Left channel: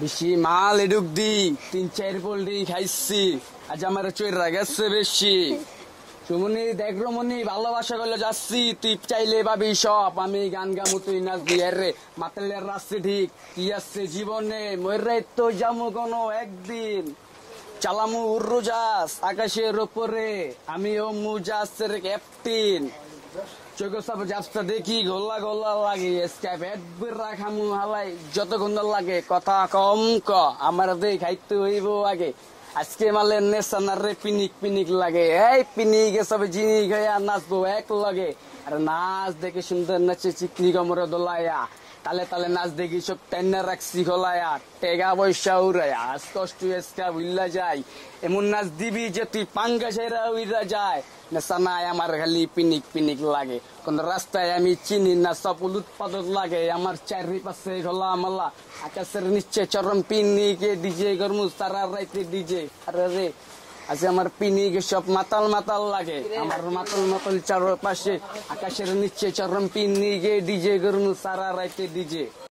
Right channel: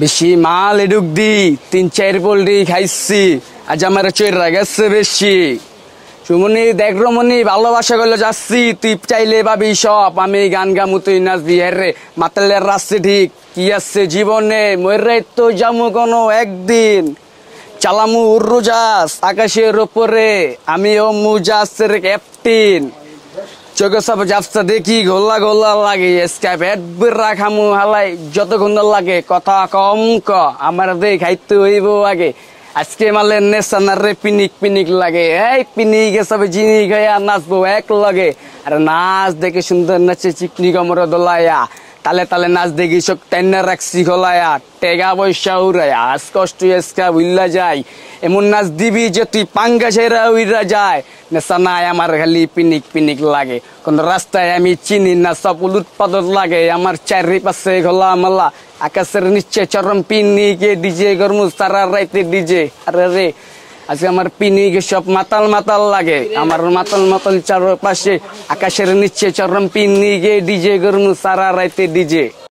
বেশি মাল এডুক দি 3-4 পোল্ট্রি খাইছি আজ আমার চৈরা গেছে বেশি। সুমনি দেখ রমনি ভালোবাসা করলে যাচ্ছি তুই চাইলে ভাবি সব আমি গান গামু তুই নাচ দি রে মাতালের রাস্তা ঠিক কি আছে জীবনে মরে তো যামু কোনো একদিন চালামু উড়োজাহাজ আকাশের উপরে আমিও মুজাসের ক্যাপ্টেন চোখে সব যাবসা দেখি গোলা গোলা লাগে স্কাইপ এডবির রাখামু হালাই যতক্ষণ লাগে কথা কম ক আমার দেখ খাইতে হইব আগে আজকে মালে নেশানার রে পিনিক পিনিক লাগে এই পিনিকে সব জিনি গয়া নাচবো এক লাগে আরে নাচ দেখে সুন্দর নাচে চিকনি কমরে দোলায়া তালে তালে নাচ দেখি সব টাইনা রাখছি খোলায়া টেগা পয়সা উড়ায়া আজ কষ্ট এসকা উইল্লা যায় এমন নাচ দিবি যে তুই পাঙ্গা ছেড়া উইরা যায় নেশা নাই আমার খালি পিনিক পিনিক লাগে কোন রাস্তায় আমি চিনি না সব উলুট পালট লাগে আমার চারিপাশে খোলা মালা আকাশের নিচে চরম পিনিকে ডিজে গরমু সারা রাইতে ডিজে আরে রে আজকে আমার পিনিকে সব মাতাল মাতাল লাগে আমার মাতাল মাতাল চারপাশে আকাশের নিচে চরম পিনিকে ডিজে গরমু সারা রাইতে ডিজে।